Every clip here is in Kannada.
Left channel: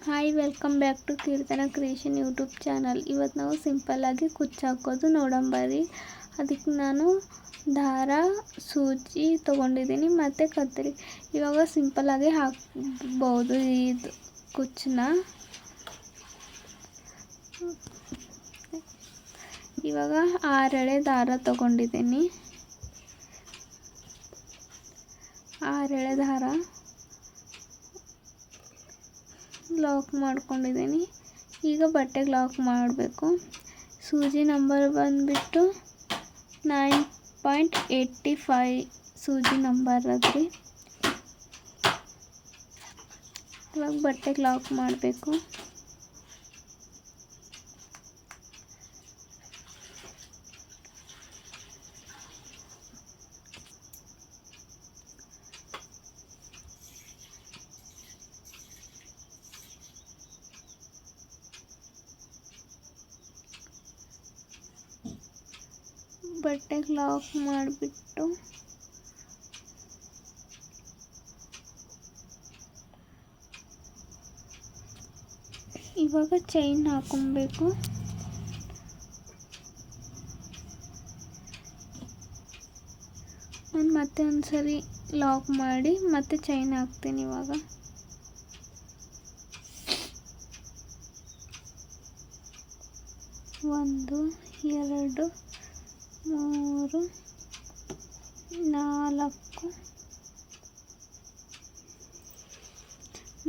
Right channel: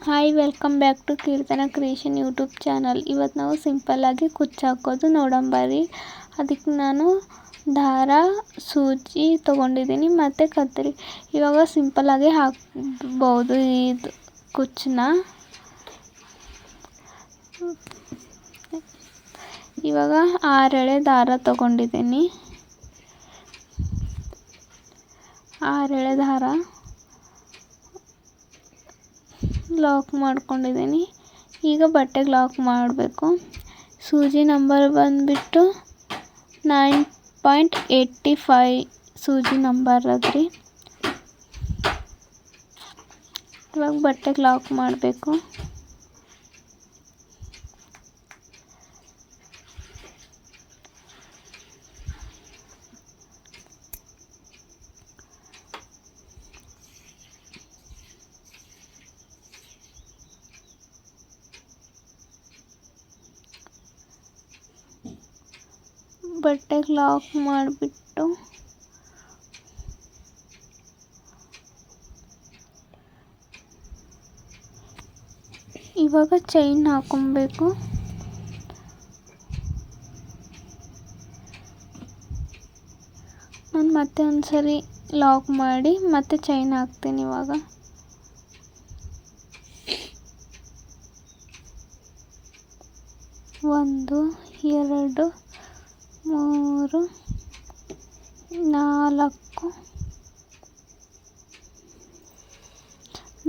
Hi, welcome back to Keerthana creation YouTube channel. ಇವತ್ತು ನಾವು ಸಿಂಪಲ್ಲಾಗಿ ಕುಚ್ಚು ಹಾಕೋದು ನೋಡಂಬರಿ. ಅದಕ್ಕೆ ನಾನು ದಾರ, ಸೂಜಿ ತೊಗೊಂಡಿದ್ದೀನಿ ಮತ್ತು ಕತ್ತರಿ. ಇವಾಗ ಸಿಂಪಲ್ಲಾಗಿ ಹಾಕ್ಬೋದು ಇದು ಕುಚ್ಚನ್ನ. ಇವಾಗ 6 ಎಳೆ ದಾರ ತೊಗೊಂಡಿದ್ದೀನಿ. 6 ಎಳೆ ದಾರ ಲಾಕ್ ಮಾಡ್ಕೊಂಡಿದ್ದೀನಿ. ಈಗ ಬಟ್ಟೆಗೆ ಲಾಕ್ ಮಾಡಬೇಕು. ಸೂಜಿ ನಂಬರ್ ಬಂದುಬಿಟ್ಟು 9.85 ಸೂಜಿ ನಂಬರ್ ಅದ್ರಿ. ಇವಾಗ ಬಟ್ಟೆಗೆ ಲಾಕ್ ಮಾಡಬೇಕು. ಬಟ್ಟೆಗೆ ಲಾಕ್ ಮಾಡಿಬಿಟ್ಟು ಇವಾಗ ಚೈನ್ ಹಾಕೊಬೇಕು. ನಾನು ಮತ್ತೆ ಒಂದ್ಸರಿ ಲಾಕ್ ಮಾಡಿ ಮತ್ತೆ ಚೈನ್ ಹಾಕ್ತೀನಿ. ಇವಾಗ 1 2 3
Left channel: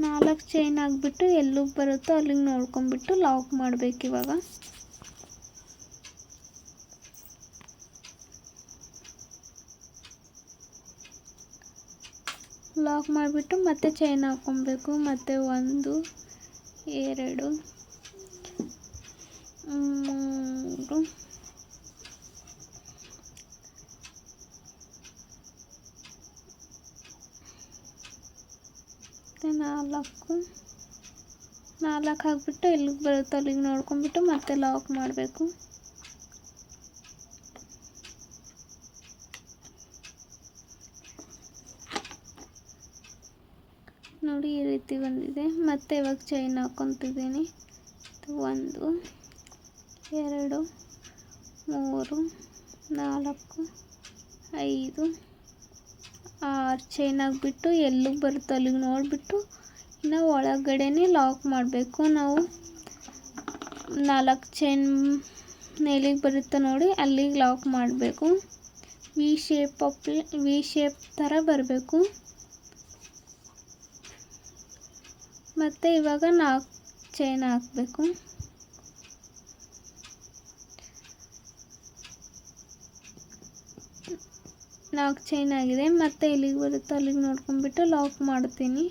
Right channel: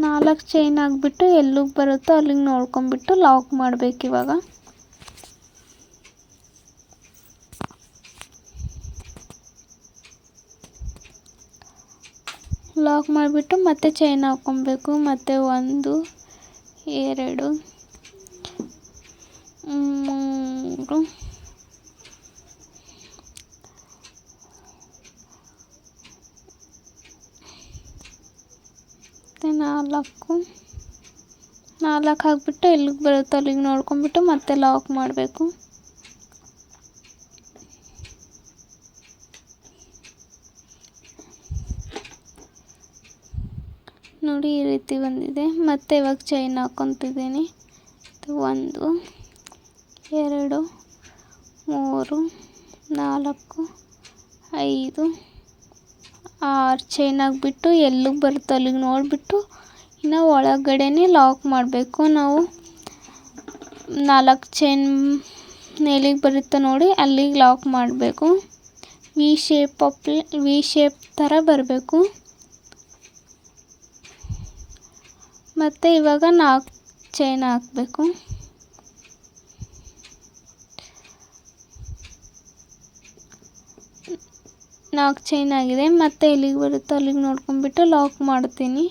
4 ಚೈನ್ ಹಾಕ್ಬಿಟ್ಟು ಎಲ್ಲಿಗೆ ಬರುತ್ತೋ ಅಲ್ಲಿಗೆ ನೋಡ್ಕೊಂಬಿಟ್ಟು ಲಾಕ್ ಮಾಡಬೇಕು. ಇವಾಗ ಲಾಕ್ ಮಾಡಿಬಿಟ್ಟು ಮತ್ತೆ ಚೈನ್ ಹಾಕ್ಕೊಬೇಕು. ಮತ್ತು 1 2 3 4 ಹಾಕ್ಬಿಟ್ಟು ಎಲ್ಲಿಗೆ ಬರುತ್ತೋ ಅಲ್ಲಿಗೆ ನೋಡ್ಕೊಂಬಿಟ್ಟು ಮತ್ತೆ ಲಾಕ್ ಮಾಡಬೇಕು. ನೋಡಿ, ಈ ರೀತಿ ಬಂದಿದೆ. ಮತ್ತೆ ಇವಾಗ ಚೈನ್ ಹಾಕ್ಕೊತಿದ್ದೀನಿ. 1 2 3 4 5 6 ಚೈನ್ ಹಾಕ್ಬಿಟ್ಟು ಎಲ್ಲಿಗೆ ಬರುತ್ತೋ ಅಲ್ಲಿಗೆ ನೋಡಿಬಿಟ್ಟು ಇನ್ನು ಒಳಗಡೆನೇ ಲಾಕ್ ಮಾಡಬೇಕು. ನಾವು 4 ಚೈನ್ ಎಲ್ಲಿಗೆ ಬರುತ್ತೋ ನೋಡಿ ಅಲ್ಲಿಗೆ ಲಾಕ್ ಮಾಡಬೇಕು. ವಿ ಶೇಪ್ ಥರ ಬರಬೇಕು. ಮತ್ತು ಇವಾಗ 4 ಚೈನ್ ಹಾಕಬೇಕು. ನಾಲ್ಕು ಚೈನ್ ಆಗಿದೆ. ಮತ್ತೆ ಎಲ್ಲಿಗೆ ಬರುತ್ತೋ ಅಲ್ಲಿಗೆ ನೋಡ್ಕೊಂಡ್ಬಿಟ್ಟು ಲಾಕ್ ಮಾಡ್ತೀನಿ.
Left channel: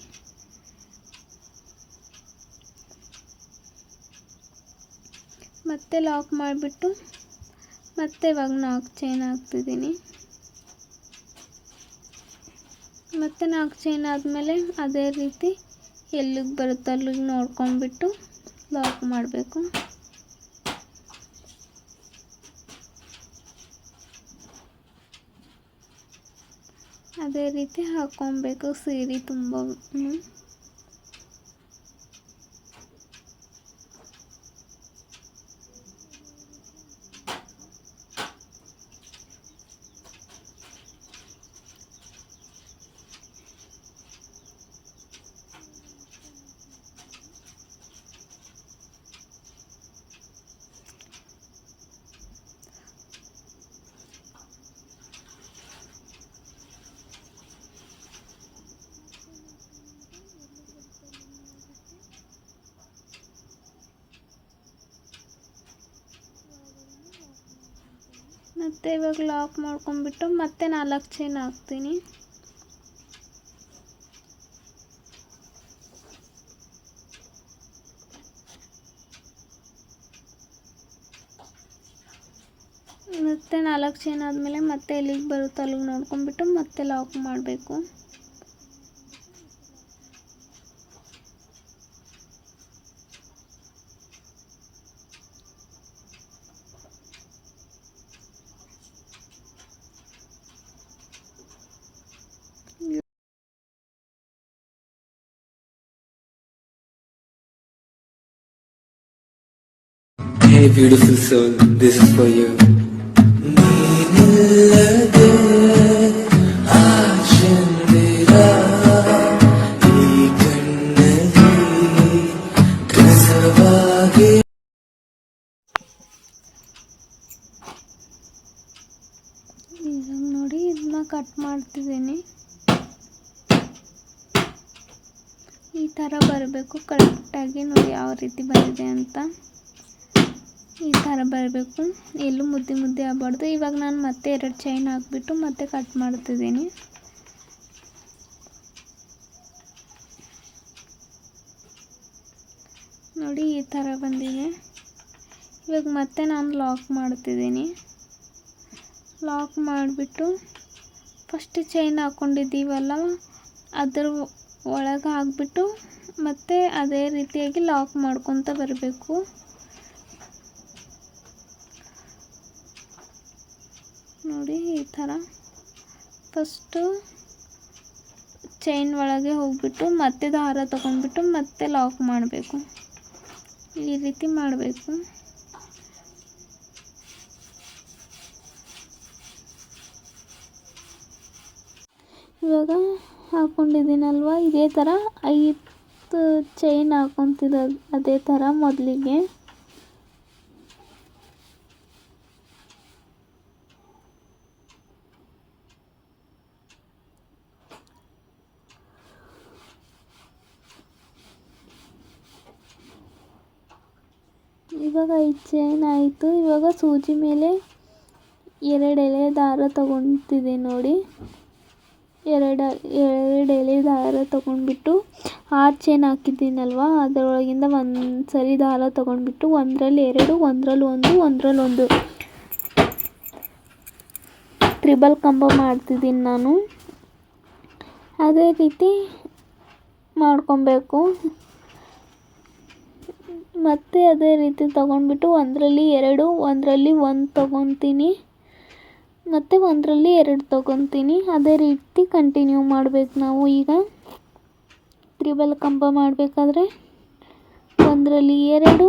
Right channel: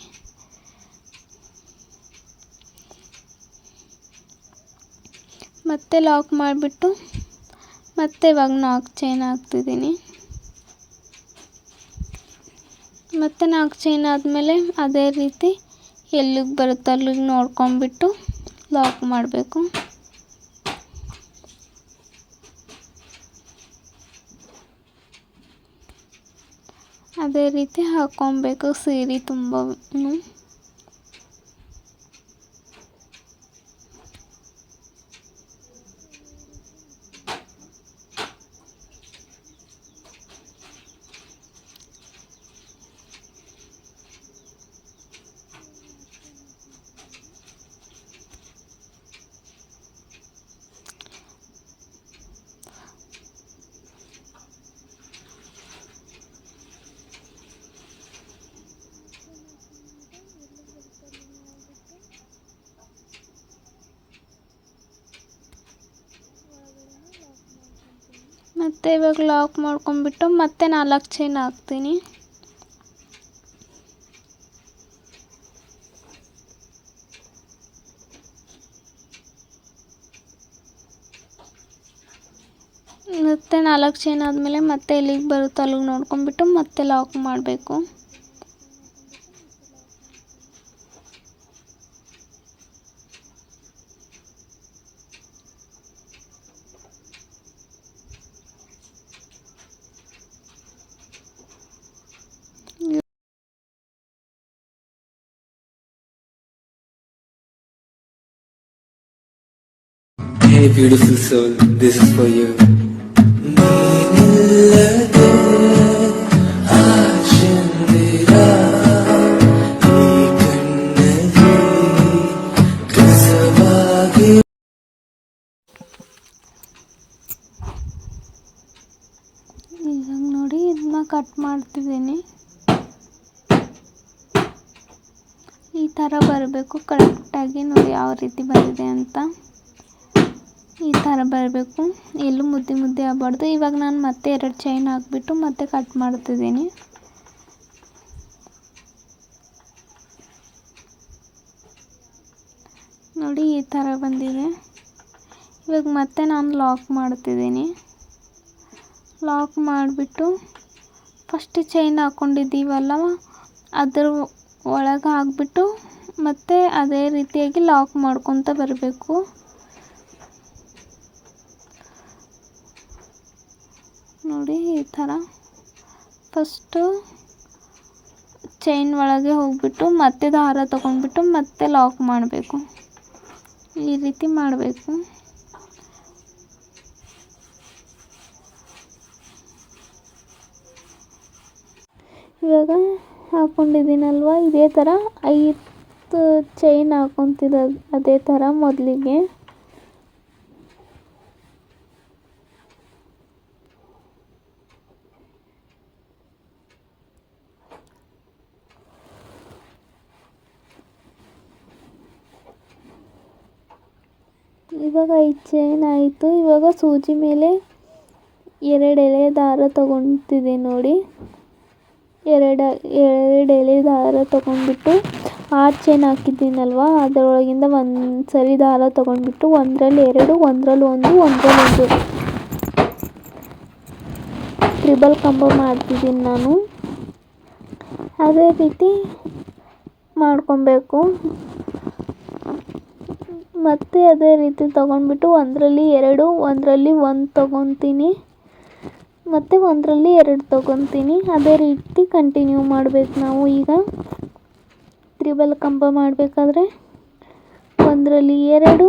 ಮತ್ತೆ ಲಾಕ್ ಮಾಡಿಬಿಟ್ಟು ಮತ್ತೆ ಇವಾಗ 4 ಚೈನ್ ಹಾಕ್ತಿದ್ದೀನಿ. ಮತ್ತೆ 4 ಚೈನ್ ಆದಮೇಲೆ ಅದೇ ರೀತಿ ಎಲ್ಲಿಗೆ ಬರುತ್ತೋ ಅಲ್ಲಿಗೆ ನೋಡ್ಕೊಂಡ್ಬಿಟ್ಟು ಲಾಕ್ ಮಾಡಬೇಕು. ಅದೇ ರೀತಿ ಹಾಕ್ಕೊಬೇಕು ಸೀರೆ ತುಂಬ. ಮತ್ತು ಇವಾಗ ಲಾಕ್ ಮಾಡ್ಕೊಂಡ್ಬಿಟ್ಟು ಮತ್ತೆ 4 ಚೈನ್ ಹಾಕ್ತೀನಿ. ಮತ್ತೆ 4 ಚೈನ್ ಆದಮೇಲೆ ಮತ್ತೆ ಎಲ್ಲಿಗೆ ಬರುತ್ತೋ ಅಲ್ಲಿಗೆ ನೋಡ್ಕೊಂಡ್ಬಿಟ್ಟು ಮತ್ತೆ ಲಾಕ್ ಮಾಡಬೇಕು. Hey beautiful soul, this is for you. ನೀನಿಲ್ಲದೆ ಆ ಚಂದಿರ ಈ ಕಣ್ಣಲ್ಲಿ ಕಸವಾಗಿ. ಈಗ ನೋಡಿ ಇದನ್ನ ಕಟ್ ಮಾಡ್ತಿದ್ದೀನಿ. ಈ ಥರ ಬರಬೇಕು ಕರೆಕ್ಟಾಗಿ. ನೋಡಿ ಯಾವ ರೀತಿ ಬಂದಿದೆ ಅಂತ. ಈ ಥರ ಬರಬೇಕು, ಎಲ್ಲೂ ಮುದ್ದೆ ಮುದ್ದೆ ಆಗಬಾರ್ದು. ಇವಾಗ ನಾನು ಮತ್ತೆ 2 ಚೈನ್ ಹಾಕ್ಬಿಟ್ಟು ಮತ್ತೆ ಕಟ್ ಮಾಡ್ತಿದ್ದೀನಿ. ನೋಡಿ ಈ ಥರ ಬಂದಿದೆ. ಇವಾಗ ಮತ್ತೆ ನಾನು ಲಾಕ್ ಮಾಡ್ತಿದ್ದೀನಿ. ಲಾಕ್ ಮಾಡಿಬಿಟ್ಟು ಫಸ್ಟ್ ಚೈನ್ ಹಾಕ್ಕೊಂಡಿದ್ದೀವಲ್ಲ ಅದ್ರ ಒಳಗೆ ಹಾಕ್ಬಿಟ್ಟು ಮತ್ತೆ ಅದೇ ರೀತಿಯಾಗಿ ಲಾಕ್ ಮಾಡ್ಕೊತ ಬರಬೇಕು. ನೋಡಿ ಈ ಥರ ಫಸ್ಟು ಚೈನ್ ಒಳಗೆ ಹೋಗ್ಬಿಟ್ಟು ಮತ್ತೆ ದಾರ ತಗೊಂಡ್ಬಿಟ್ಟು ಮತ್ತೆ ಲಾಕ್ ಮಾಡಬೇಕು. ಈ ರೀತಿ ಮಾಡಬೇಕು. ಇವಾಗ ಹಾಕ್ಕೊಂಡಿದ್ದೀನಲ್ವ, ಇದೇ ಥರ 5 ಚೈನ್ ಹಾಕ್ಕೊತಿದ್ದ ಅದೇ ಥರ ಮೊದಲಿಗೆ. ಇವಾಗ 5 ಚೈನ್ ಆಯಿತು. ಇವಾಗ ಸೂಜಿ ಮೇಲೆ 2 ಎಳೆ ದಾರ ತಗೊತಿದ್ದೆ ನೋಡಿ. 2 ಎಳೆ ದಾರ ತಗೊಂಡ್ಬಿಟ್ಟು 6 ಚೈನ್ ಹಾಕಿದ್ದೀನಲ್ವ ಅದರೊಳಗಿಂದ ಒಂದು ಸರಿ ದಾರ ತಗೊಂಡ್ಬಿಟ್ಟು ಒಂದರಲ್ಲಿ 2, ಒಂದರಲ್ಲಿ 1, ಒಂದರಲ್ಲಿ 1 ಟ್ರಿಬಲ್ ಕಂಬ ಮಾಡ್ತಿದ್ದೀನಿ ನಾನು. ಅದೇ ರೀತಿ ಮಾಡ್ಕೊಬೇಕು. ಮತ್ತೆ ಅದೇ ರೀತಿ ತಗೊಂಡ್ಬಿಟ್ಟು ಒಂದರಲ್ಲಿ 2, ಒಂದರಲ್ಲಿ 1 ತಗೊತೀನಿ, ಮತ್ತು ಒಂದರಲ್ಲಿ 2 ತಗೊತೀನಿ. ಅದೇ ರೀತಿ ಕಂಟಿನ್ಯೂ ಮಾಡಬೇಕು ನಾವು. ಈಗ ತ್ರಿಬಲ್ ಕಂಬ ಮಾಡಬೇಕಾದ್ರೆ ಒಂದರಲ್ಲಿ 2,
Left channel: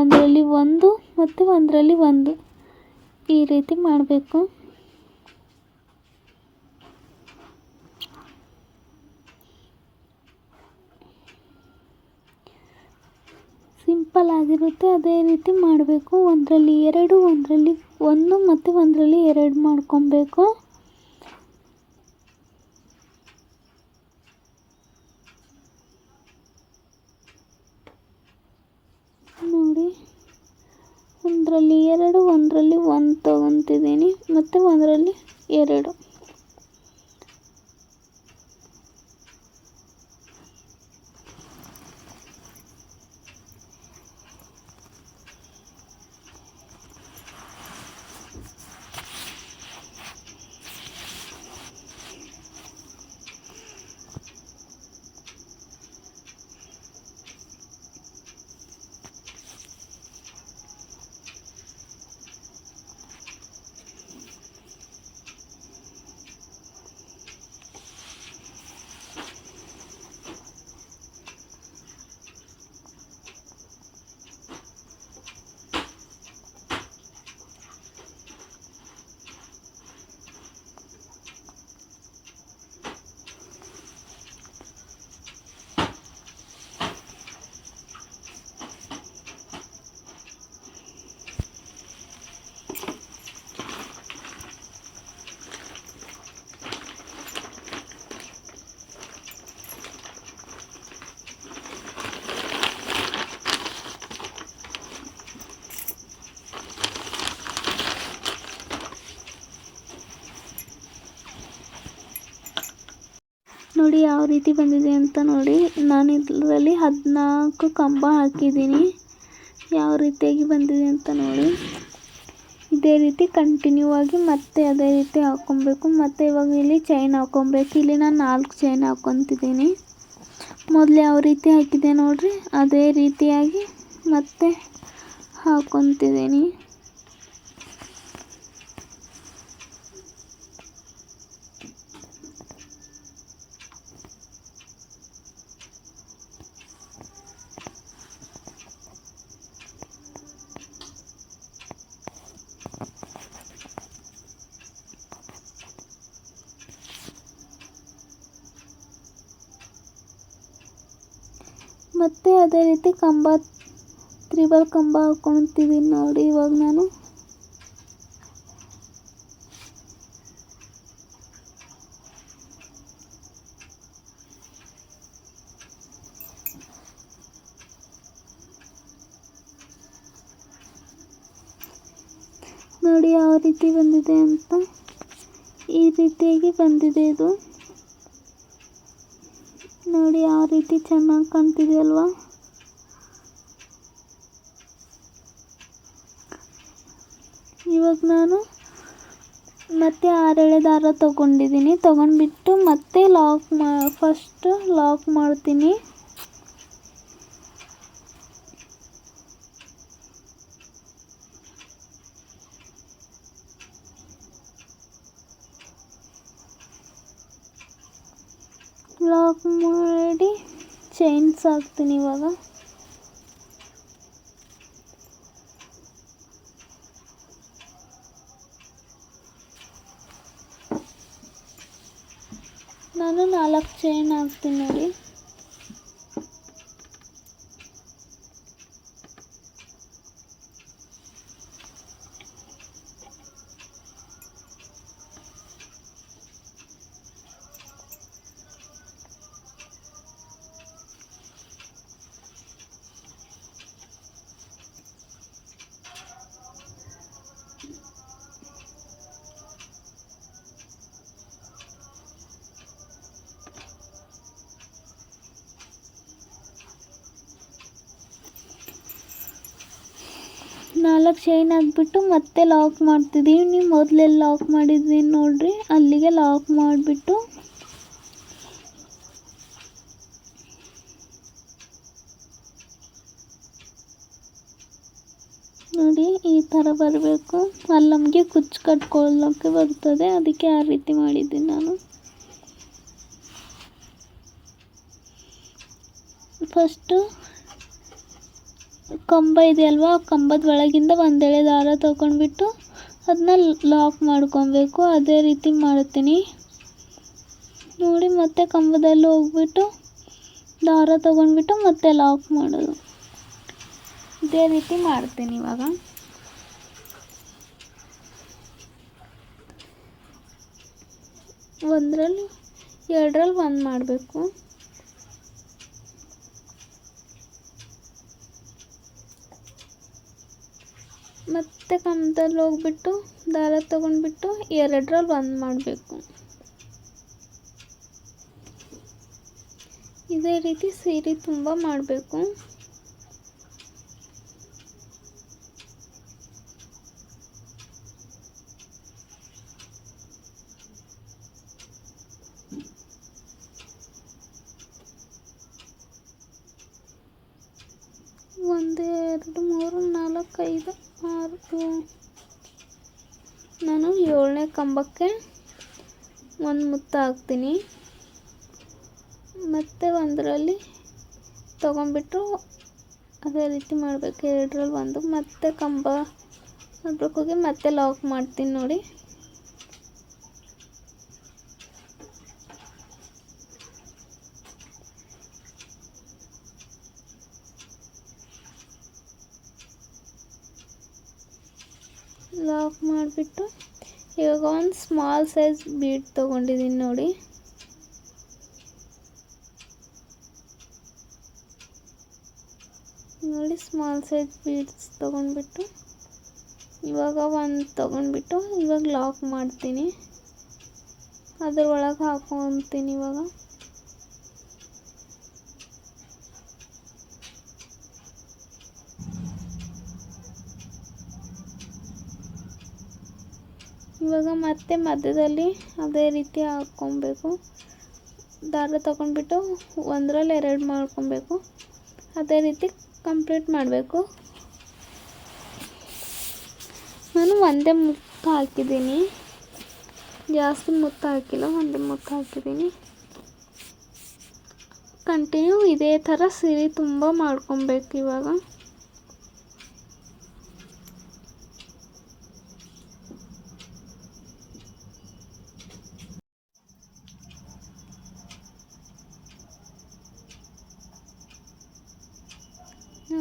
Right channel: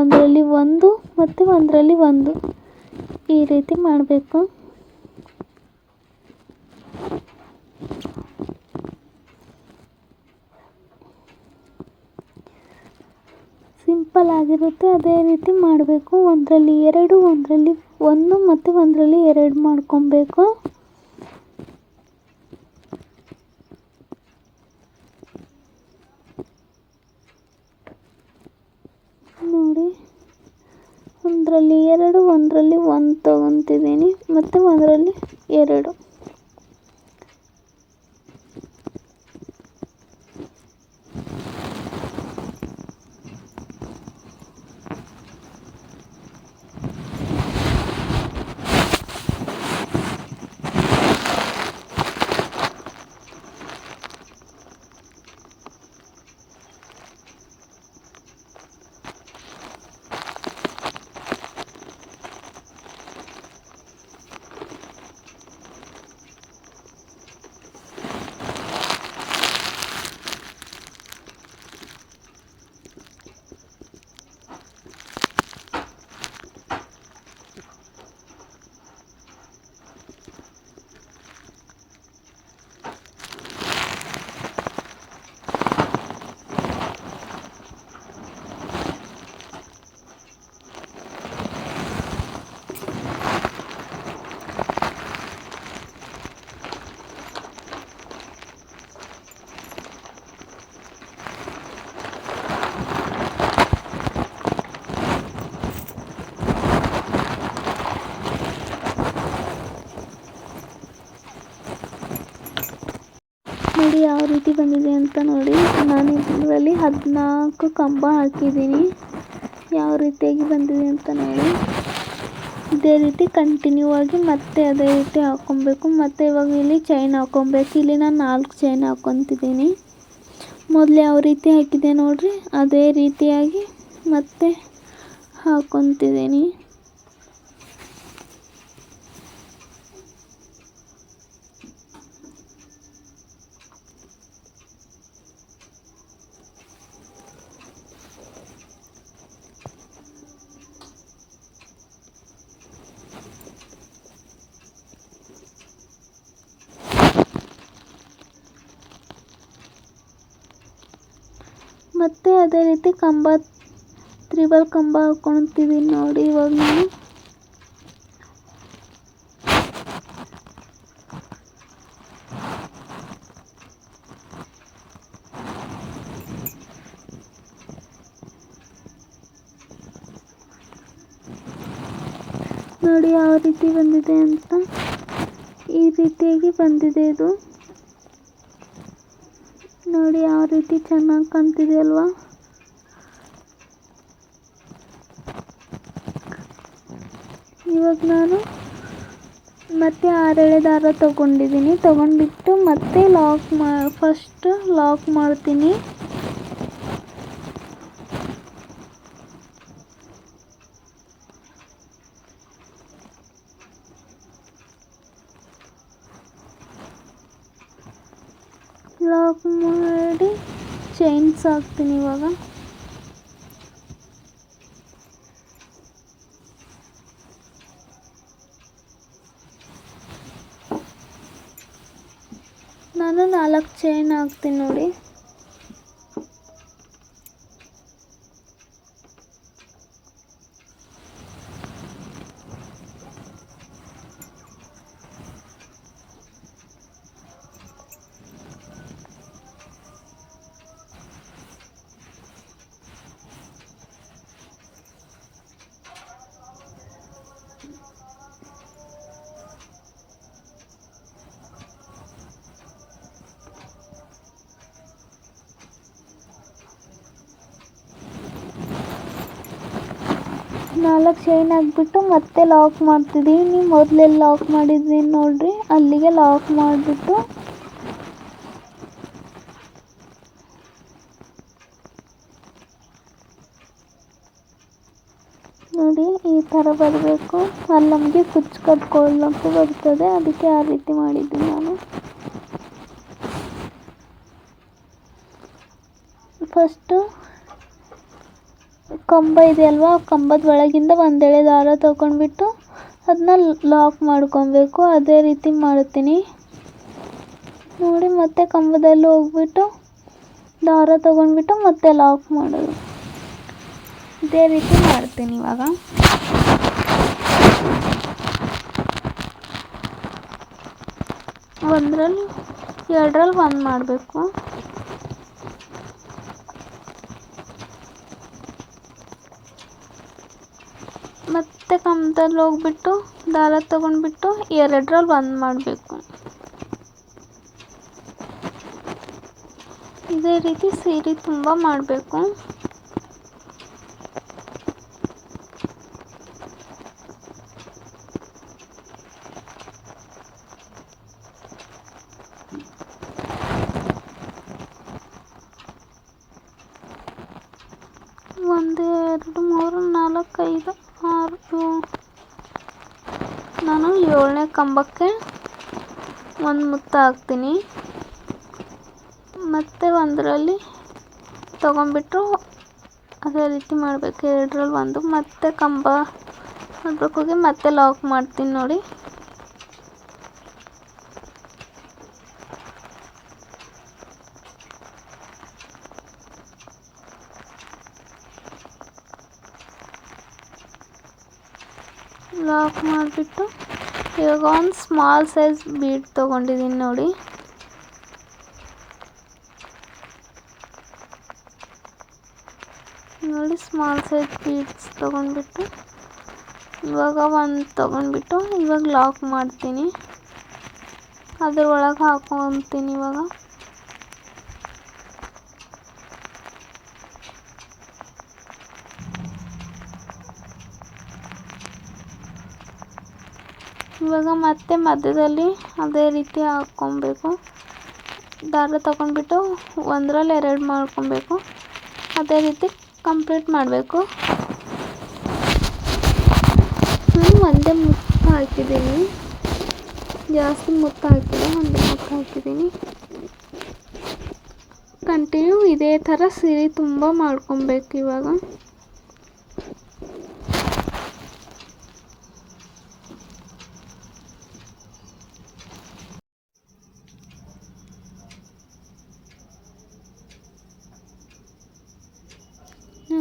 ಒಂದರಲ್ಲಿ 1 ಮತ್ತು ಒಂದರಲ್ಲಿ 1 ಈ ರೀತಿ ಮಾಡಬೇಕು. ಸಿಂಪಲ್ ಆಗಿರುತ್ತೆ. ಅದೇ ರೀತಿ ಮಾಡಬೇಕು. ಒಂದರಲ್ಲಿ 2, ಒಂದರಲ್ಲಿ 1 ಮತ್ತು ಒಂದರಲ್ಲಿ 2 ಮಾಡ್ಕೊಬೇಕು. ನೋಡಿ ಒಂದರಲ್ಲಿ 2, ಒಂದರಲ್ಲಿ 1 ತಗೊತಿದ್ದೀನಿ ಮತ್ತು ಒಂದರಲ್ಲಿ 2. ನೋಡಿ ಯಾವ ರೀತಿ ಬಂದಿದೆ ಅಂತ ನೋಡಿ. ನಾನು ಇದರಲ್ಲಿ 14 ಕಂಬ ಹಾಕಿದ್ದೀನಿ. ಯಾವ ರೀತಿಯಾಗಿ ಬಂದಿದೆ ಅಂತ ನೋಡಿ. ಇದೇ ರೀತಿ ಕಂಟಿನ್ಯೂ ಆಗಿ ಮತ್ತೆ ಅದೇ ರೀತಿ ಹಾಕ್ಕೊಬೇಕು. ಮತ್ತು ಇವಾಗ ಇಲ್ಲಿ ಚೈನ್ ಹಾಕ್ಕೊಬೇಕು. ಇಲ್ಲಿ ನಾನು 4 ಚೈನ್ ಹಾಕ್ಕೊತಿದ್ದೀನಿ. ಮೊದಲು ಯಾವ ರೀತಿ ಹಾಕಿದೆ ನೋಡಿರಿ ಅದೇ ರೀತಿಯಾಗಿ ಮತ್ತೆ ಹಾಕ್ಕೊತಿದ್ದೀನಿ. ಮತ್ತು ಅದೇ ರೀತಿ ಕಂಬ ತ್ರಿಬಲ್ ಕಂಬ ಹಾಕ್ಕೊಳ್ತಿದ್ದೀನಿ ನೋಡಿ ಇವಾಗ ನಾನು. ನೋಡಿ ಯಾವ ರೀತಿ ಬಂದಿದೆ ಅಂತ. ಈ ರೀತಿಯಾಗಿ ಬಂದಿದೆ ಇದು. ನೋಡಿ ಯಾವ ರೀತಿ ಚೆನ್ನಾಗಿ ಕಾಣ್ತಿದೆ ಅಲ್ವಾ. ಇವಾಗ ನಾನು ಮತ್ತೆ 6 ಎಳೆ ದಾರ ತಗೊಂಡಿದ್ದೀನಿ. ತಗೊಂಡ್ಬಿಟ್ಟು ಮತ್ತೆ ಫಸ್ಟ್ ಲಾಕ್ ಮಾಡ್ತೀನಿ. ಲಾಕ್ ಮಾಡಿ ಚೈನ್ಸ್ ಹಾಕ್ತೀನಿ ಇವಾಗ. ನಾನು 4 ಚೈನ್ ಹಾಕ್ತೀನಿ ನೋಡಿ. ನಾಲ್ಕು ಚೈನ್ ಹಾಕ್ಬಿಟ್ಟು ಮತ್ತೆ ಲಾಕ್ ಮಾಡ್ತಿದ್ದೀವಿ. ಮೊದಲೆಲ್ಲಿ ಲಾಕ್ ಮಾಡಿದ್ದೀನಿ ನೋಡ್ರಿ, ಅಲ್ಲಿಗೆ ಲಾಕ್ ಮಾಡಿಬಿಟ್ಟು ನೋಡಿ ಈ ಥರ ಬರಬೇಕು. ಅಲ್ಲಿ ನಮಗೆ ಕುಚ್ಚು ಕಟ್ಕೊಳ್ಳೋಕ್ಕೆ ಬರ್ತದೆ, ಅದಕ್ಕೆ ಆ ರೀತಿ ಮಾಡಿದ್ದೀನಿ ನಾನು. ಫಸ್ಟು ಕಂಬ ಇದೆ ಅಲ್ವಾ, ಆ ಕಂಬದ ಒಳಗಿಂದ ಒಂದೆಳೆ ದಾರ ತಗೊಂಡ್ಬಿಟ್ಟು ಅದನ್ನ ಲಾಕ್ ಮಾಡ್ಕೊಬೇಕು. ಅದೇ ರೀತಿ ಮಾಡ್ತೀನಿ ನೋಡಿ. ಮತ್ತೆ ಕಂಬದಲ್ಲಿ ಹೋಗ್ಬಿಟ್ಟು ದಾರ ತಗೊಂಡ್ಬಿಟ್ಟು ಮತ್ತೆ ಲಾಕ್ ಮಾಡೋದು. ಇದೇ ರೀತಿ ಮಾಡ್ತೀನಿ ಇವಾಗ. ಒಂದರಲ್ಲಿ 2ರಲ್ಲಿ 1 ಮಾಡಬೇಕು. ಮತ್ತೆ ಕಂಬದಲ್ಲಿ ಹೋಗ್ಬಿಟ್ಟು ದಾರ ತಗೊಂಡ್ಬಿಟ್ಟು 2ರಲ್ಲಿ 1 ಮಾಡಬೇಕು. ಇದೇ ರೀತಿ ಸೀರೆ ತುಂಬ ಮಾಡಬೇಕು. ಒಂದು 2 3 4 5 6 ನಾನು 7ನೇ ಕಂಬಕ್ಕೆ ಒಂದು ಮುತ್ತು ಹಾಕ್ತೀನಿ. ಮತ್ತು ಒಂದರಲ್ಲಿ ತಗೊಂಡ್ಬಿಟ್ಟು ಅದೇ ರೀತಿ ಮಾಡಬೇಕು. 2ರಲ್ಲಿ 1 ಮತ್ತೆ ಕಂಬ ಹೋಗಿ ಮತ್ತೆ ಲಾಕ್ ಮಾಡ್ತೀನಿ ನೋಡಿ. ಲಾಕ್ ಮಾಡಿಬಿಟ್ಟು ಇವಾಗ ಒಂದು ಸ್ಮಾಲ್ ಸೈಜ್ ಬೀಡ್ ತೊಗೊಂಡಿದ್ದೀನಿ ನೋಡಿ. ಸ್ಮಾಲ್ ಸೈಜ್ ಬೀಡ್ಸ್ ತೊಗೊಂಡ್ಬಿಟ್ಟು ಇವಾಗ ಒಂದು ತೊಗೊಂಡ್ಬಿಟ್ಟು ಇವಾಗ ಲಾಕ್ ಮಾಡ್ತೀನಿ. ಅದ್ರ ಒಳಗೆ ಹಾಕ್ಕೊತೀನಿ ಇವಾಗ. ಇವಾಗ ಮತ್ತೆ ಮಧ್ಯದಲ್ಲಿ ಅದೇ ರೀತಿ ಹಾಕ್ಕೊಬೇಕು. ದಾರ ತಗೊಂಡ್ಬಿಟ್ಟು 1ರಲ್ಲಿ 2 ಮಾಡ್ಕೊಬೇಕು. ಅದೇ ರೀತಿ ಕಂಪ್ಲೀಟ್ ಮಾಡಬೇಕು. ನಾನು ಒಂದೇ ಮುತ್ತು ಹಾಕಿದ್ದೀನಿ, ಜಾಸ್ತಿ ಮುತ್ತು ಹಾಕಿಲ್ಲ, ಒಂದೇ ಮುತ್ತು ಹಾಕಿದ್ದೀನಿ. ಕಂಟಿನ್ಯೂ ಇದೇ ಥರ ಸೀರೆ ತುಂಬ ಮಾಡ್ಕೊಬೇಕು ಇವಾಗ.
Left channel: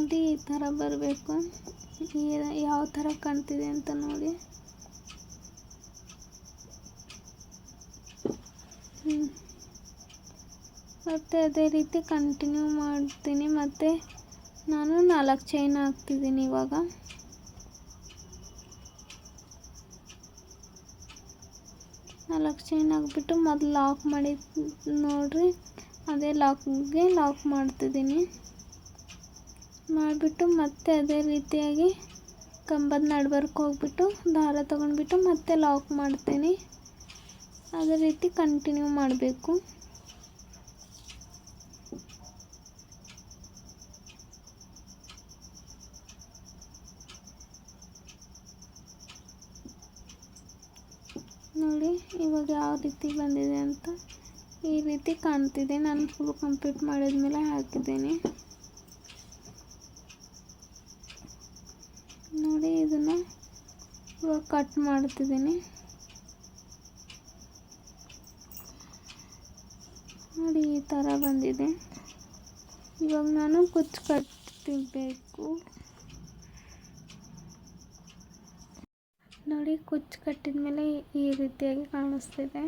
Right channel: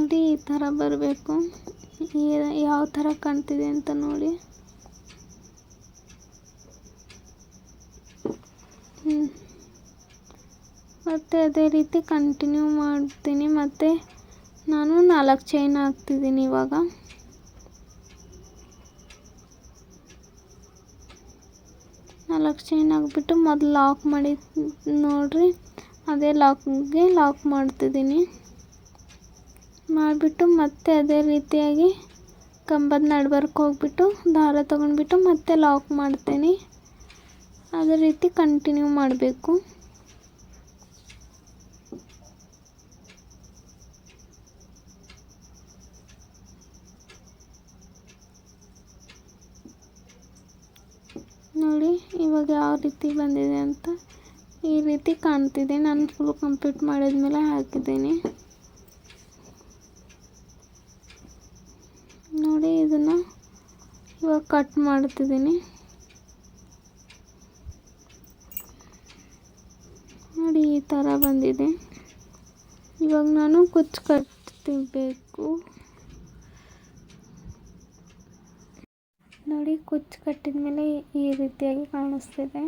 ನೋಡಿ ಈ ಥರ ಬರಬೇಕು. ಯಾವ ಥರ ಕಾಣ್ತಿದೆ ಅಂತ ನೋಡಿ. ಮತ್ತು ಅದೇ ರೀತಿ ಕಂಟಿನ್ಯೂ ಮಾಡ್ತೀನಿ. ಮತ್ತು ನಾನು 4 ಚೈನ್ ಹಾಕ್ತಿದ್ದೀನಿ ಇವಾಗ. ನಾಲ್ಕು ಚೈನ್ ಹಾಕ್ಬಿಟ್ಟು ಮೊದಲು ಲಾಕ್ ಮಾಡಿ ನೋಡಿರಿ, ಅದೇ ಲಾಕ್ ಮಾಡ್ತಿದ್ದೀನಿ. ಮಾಡಿಬಿಟ್ಟು ಮತ್ತೆ ಅದೇ ರೀತಿಯಾಗಿ ಕಂಬದ ನಡುವರ್ಕ್ ಹೋಗ್ಬಿಟ್ಟು ದಾರ ತೊಗೊಂಡ್ಬಿಟ್ಟು ಮತ್ತೆ ಲಾಕ್ ಮಾಡ್ತೀನಿ. ಅದೇ ರೀತಿ ಕಂಟಿನ್ಯೂ ಮಾಡಬೇಕು. ನೋಡಿ ಇವಾಗ ಯಾವ ರೀತಿ ಬಂದಿದೆ ಅಂತ. ಈ ರೀತಿ ಕಾಣ್ತಿದೆ. ನಾನು ಫುಲ್ ಕಂಪ್ಲೀಟ್ ಮಾಡಿದ್ಮೇಲೆ ಹಾಕಿದ್ದೀನಿ. ನೋಡಿ ಇದನ್ನು ಇವಾಗ ಕಟ್ ಮಾಡ್ತಿದ್ದೀನಿ. ನೋಡಿ ಈ ಥರ ಬಂದಿದೆ. ಇವಾಗ ನಾನು ಕುಚ್ಚು ಕಟ್ಟಬೇಕು. ನೋಡಿ ಕುಚ್ಚು ಕಟ್ಟಿದ ಮೇಲೆ ಈ ರೀತಿಯಾಗಿ ಕಾಣಿಸ್ತಿದೆ.